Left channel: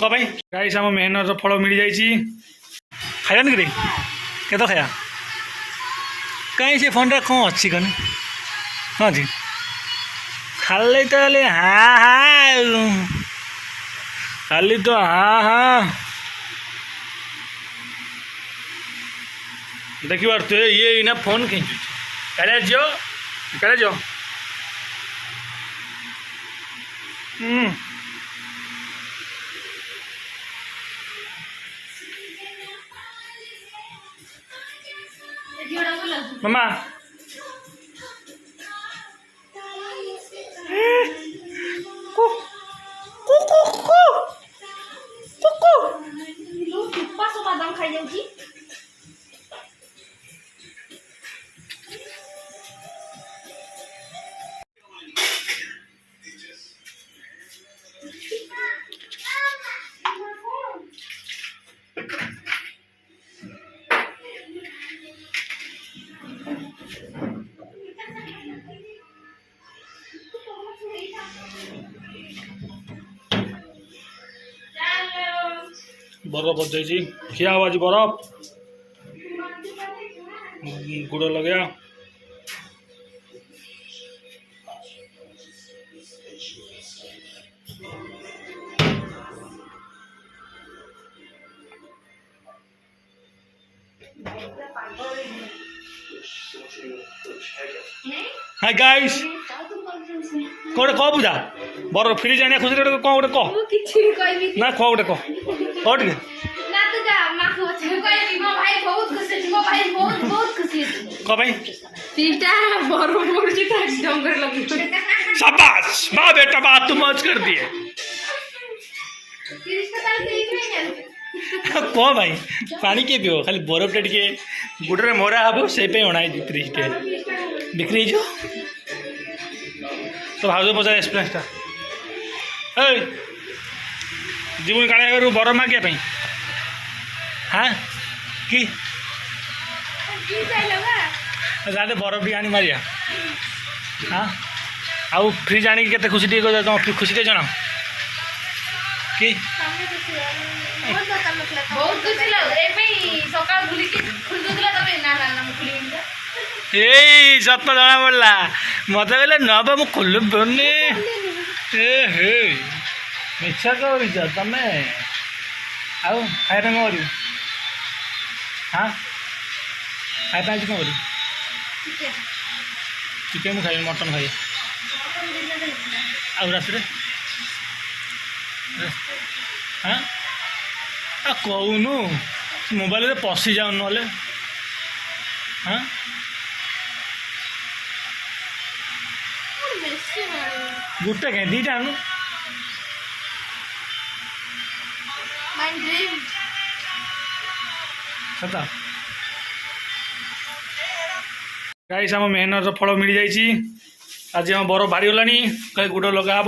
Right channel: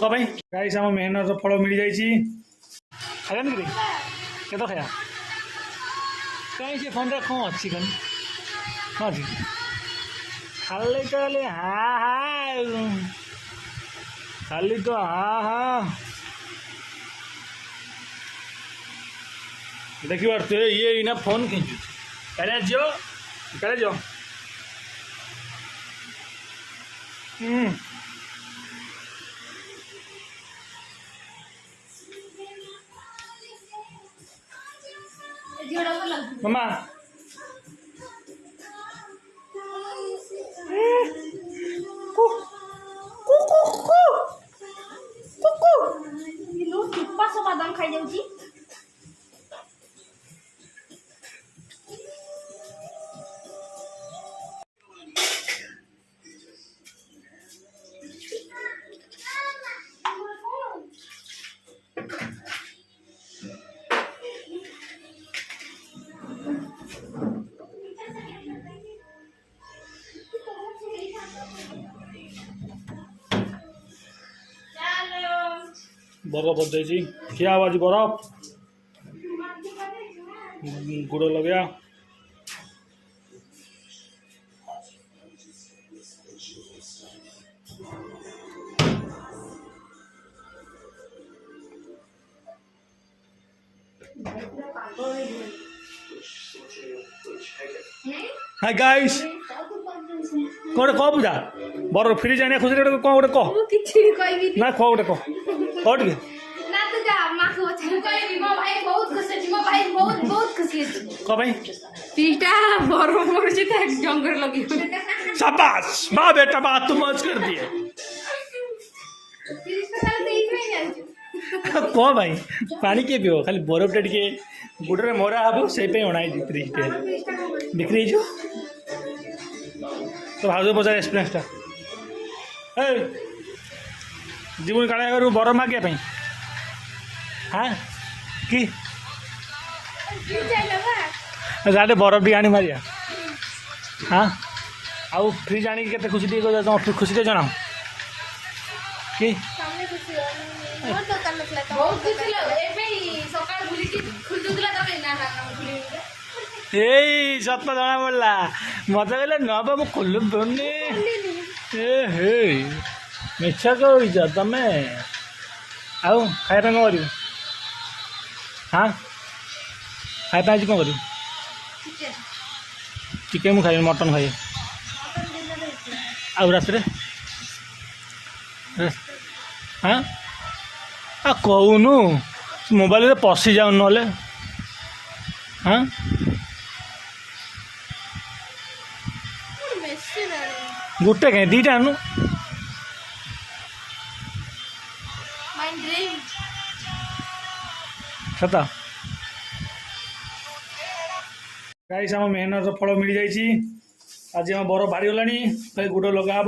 कौन भाई गाइस आम मेहनत फल मिल जाइए खायानी कि केत खाया कहीं से फोन कौन अच्छी कन हाँ जी खाली तो हाँ हाँ खाली तो हाँ हाँ देखी बार तो ये इना फोन खींचु कड़े जो मामा बादाम खाई जाऊँ बरफ बच जाइए क्या हुआ जी बरफ गुड़ लगे हाय गाइस कौन कह पूजा बर फ्रिज आने खुशी कौन गोटे कह ना कह गोटे कह टे शाबाश वाह बेटा बात तुम मौज कर दिए कह भाई पानी किए पीब खाली बरफ टे गुड़े मरा हम से अणाई फ्रिज टे बिक्री हो तो भाज पचार एक्सपीरियंसटा जीवन काले बरफ मागे हाँ कि जाते बरफ टी आनी मारिया हाँ आउ फ्रिज आनी के खुशी टे तुम खुशी टे जन कि ए सत जना पड़ा मत कहले नब मु खोल पानी हे मिछा कह तुम आउ खाया कौन कर हाँ खाया आज कौन कर चिकेन मुझे खाई मटन खाई आउ रात हाँ कहूनु मोबाइल पशि जाऊ ना हाँ गोटे कहीं दीटा आनु सता गाइस आम मेहनत फल मिल जाइए आज आम बरफ बाहरी गला कहीं गुड़ लगा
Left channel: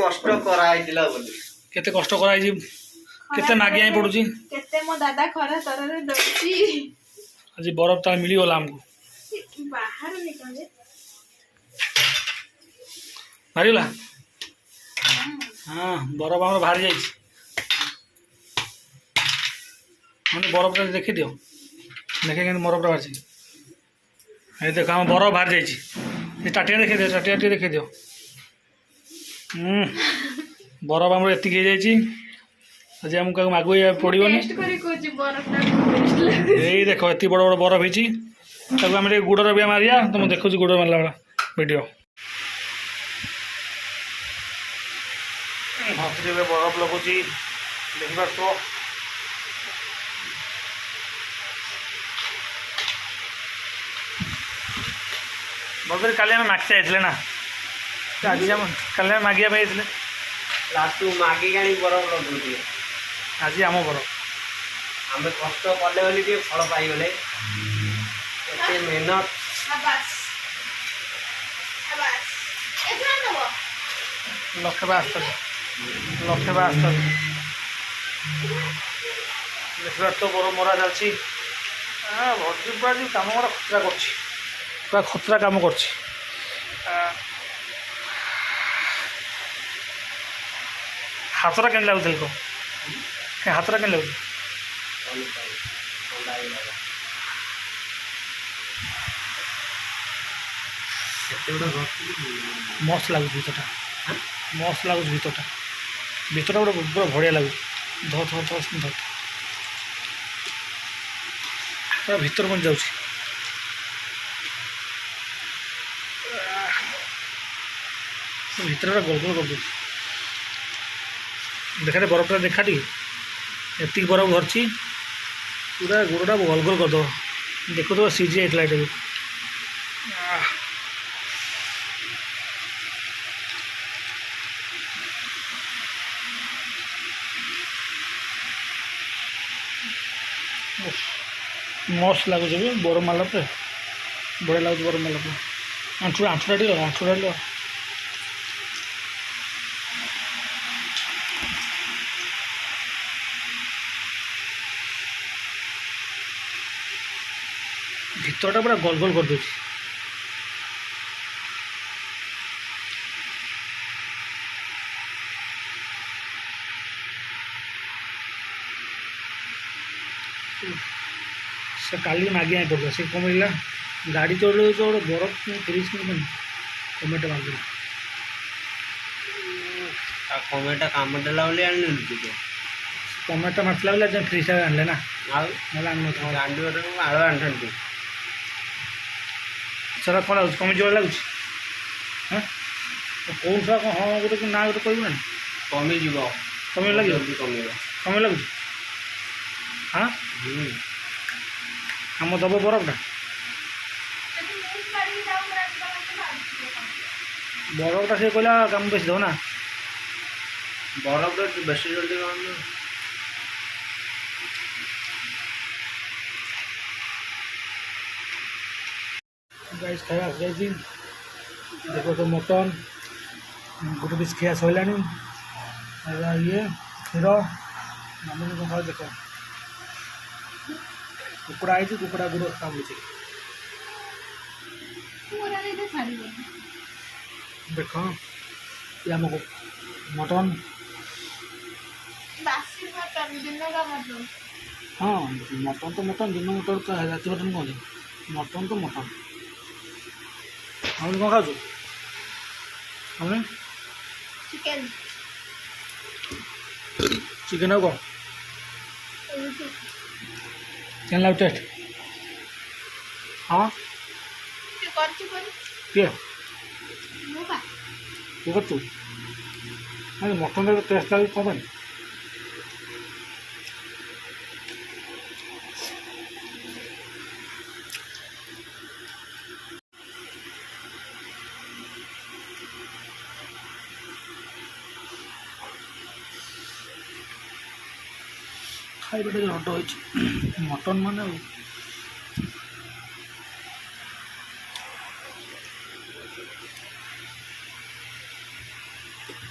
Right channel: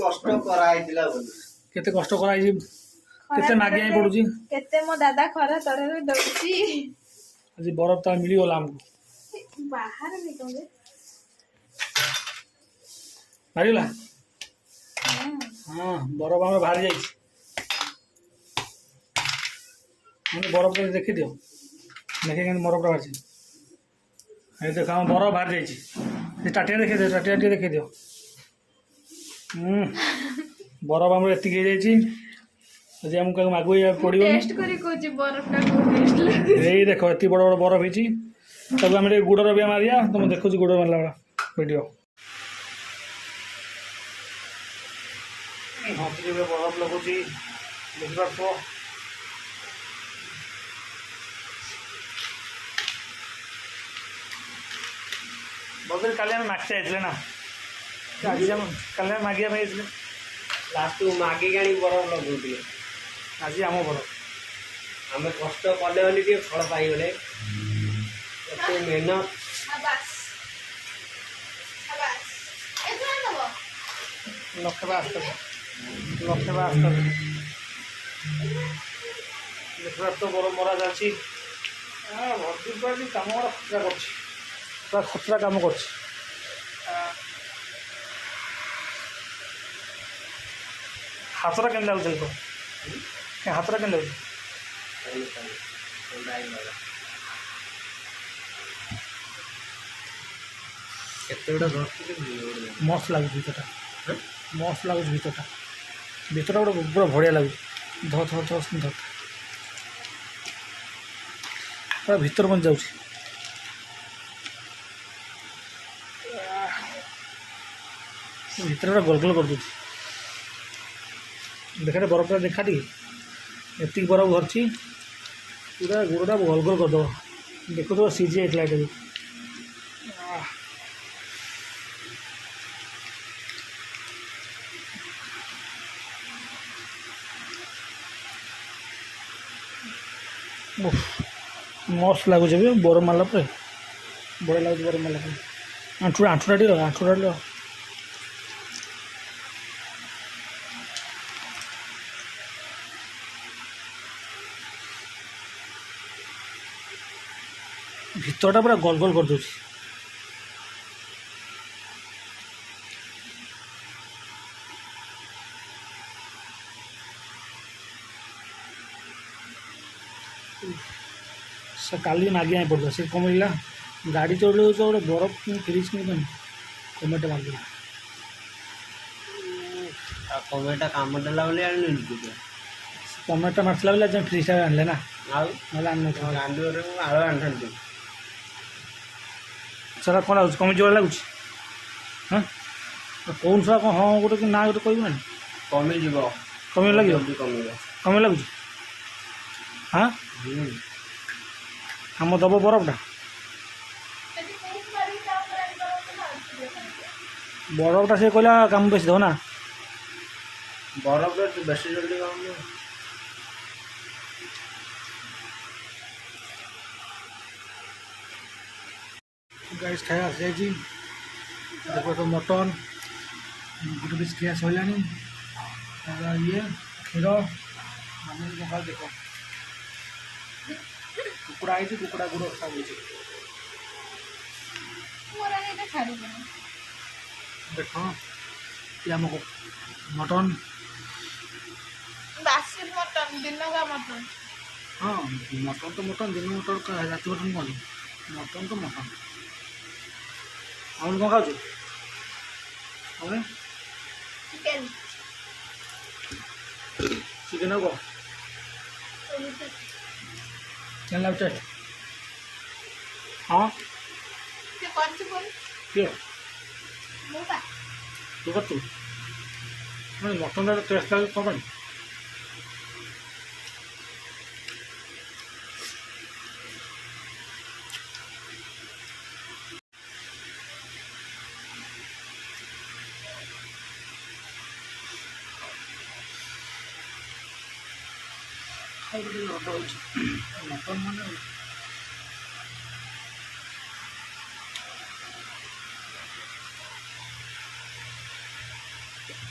कष्ट कराइला केते कष्ट कराई केते मागिया पड़ू केते मो दादा खरा तरह दउची आज बरफ ता मिली गला हमको बाहर निकले बाहरी गला हाँ बरफ आम बाहरी जाइए मैंने बरफ देखी दियो देखे कि बरफ बाहर ये देख आम बरफ बाहर जाइए टाटिया देखी दियो टाटिया देखी दियो बरफ आम एति आज आमको मागु पड़ो यही देख एत बड़ बड़ बरफ होती आम गुड़र भी मारिया तो मुझे देखुची गुड़ मारला वाला वीडियो हाथी बरफ लगुच देखिपार तो बदल काली आम मागचे आइले ना आज काली मागिया लास्ट मागिक आनी बरफ लगुचे आज आम बरफ आम कष्ट कले बोली टे फल पाइगले एते मेहनत लक्षे 72 देखा तो बरफ मरा चलती भर्ती पूरा कम पूरा खतरा काम कर ହାତଟା କେମିତି ଲାଗୁଥିଲା କହ ହାତଟା କେମିତି ଲାଗୁଛି ପାଣି ପାଣି ଥଣ୍ଡା ହେଇଗଲା କେତେ ଗୁଡ଼ା ଘଷିଲି ମସ୍ତ ଲାଗୁଛି ଭିତରଟା ମସ୍ତ ଲାଗୁଛି ଭିତରଟା ଭିତରଟା ଗୋଟେ ପୁରା ବଢ଼ିଆ ଲାଗୁଛି ଧର ଧର ଧର ଧର ପୁରା ଭିତର ପର୍ଯ୍ୟନ୍ତ ଯାଉଛି ଭିତରେ ପୁରା ଗୋଲ ଗୋଲ କରିଦେଉଛି ଦେଖାଟେ ବରଫଟା ଦେଖା ଟିକେ ଏତିକି ବରଫ ଧରିଛି ପୁରା ଗୋଡ଼ଟା ଗୋଲ ଗୋଲ କରିଦେବ ଦେଖୁଥିବ ସିଝି ଯାଇଥିଲା ଏଇଟା ବି ମସ୍ତ ଲାଗୁଛି ବି ବରଫ ମାରିଲା ପରେ ବଢ଼ିଆ ଲାଗୁଛି ବରଫ ମାରିଲା ପରେ ଆଣ୍ଠୁଟା ଟିକେ ଭିତରଟା ପୁରା ଗୋଲ ଗୋଲ କରିଦେଉଛି ସେ କାଲି ମାଗି ଆଣି ପଡ଼ିଲା ସେ କମେଇଲା ଗାଡ଼ି ଚଢ଼ିଲେ ଗୋଟେ ବରଫ ଫ୍ରିଜ୍ କିଣି କମେଇଟା ମାରିଦେଲା ଆଉ କମେଟା କାମ ଦେଲା ବୋଲି ଆଣିଲି ତୁ କମେଟା ମାରିଥିଲା ବୋଲି ଆଜି ଫ୍ରିଜ୍ଟା ଆଣିଲେ ନା ଆଉ ନହେଲେ ଆଣିନଥିଲା ଗାଣ୍ଡୁରେ ଆଳ ଆଣିଥାନ୍ତି ସେଟା କ'ଣ ଲାଗୁଛି କମିଯିବ ଲାଗୁଛି ହଁ କେଉଁ ଛୁଆ କ'ଣ ହଁ ଗୋଟେ କି ନା ଗୋଟେ କହିବୁ ନା କମିଯିବ କମି ଲାଗିବ ଜଲ୍ଦି କମିବ କମି ଲାଗୁଛି ହଁ ହୁଁ ଆମ ଦେବ ବରଫଟା ଯଦି ମୁଁ ଛାଡ଼ିକି ଯାଉ ବ୍ରେକ୍ କରନ୍ତି ଭାବୁଛି ବରଫଟା ସେ କହିଲା କାମ ବେଶୀ ଦେବ ନା ବରଫଟା ବେଶୀ ଜଲ୍ଦି କମ ଗାଇସ୍ ଖାଇବା ଆସିଯାଇଛି ଦେଖ ତ ମଟନ୍ ଗୋଟେ ପିସ୍ ଖିଆ ସରିଲାଣି ଇଏ କ୍ଷୀର ମାମୁନି କ'ଣ ଖାଉ ଦେଖ କୁକୁଡ଼ା ହେଇଛି କୁକୁଡ଼ା ଗୁଡ଼ ଖାଉଛି ମୋର ଏଇଟା ଛାଡ଼ିବେନି ଦେଖ ଇଏ ଆମକୁ ମଟନ୍ ବାସି ମଟନ୍ ଦିନକା ମଟନ୍ ହଁ ମଟନ୍ ତ ମଟନ୍ ଦିନ ମଟନ୍ ରାତି ମଟନ୍ କହନ୍ତି ମଟନ୍ ତ ମଟନ୍ ଆଉ କ'ଣ ଖାଉଛୁ ଆମେ ଚିକେନ୍ ଚିକେନ୍ ଆଉ କ'ଣ ରୁଟି କେନ୍ ଲାଗୁଛି ଟେଷ୍ଟ ହଁ କିଏ କରିଛି ବୋଲି କିଏ ମୁଁ ବା ତୁ କରୁଛୁ ମଟନ୍ଟା ଟେଷ୍ଟ ଲାଗୁଛି କ'ଣ ପାଇଁ ଖାଇବା ଟିକେ ହଟ ହେଇଛି ମଟନ୍ ମାନେ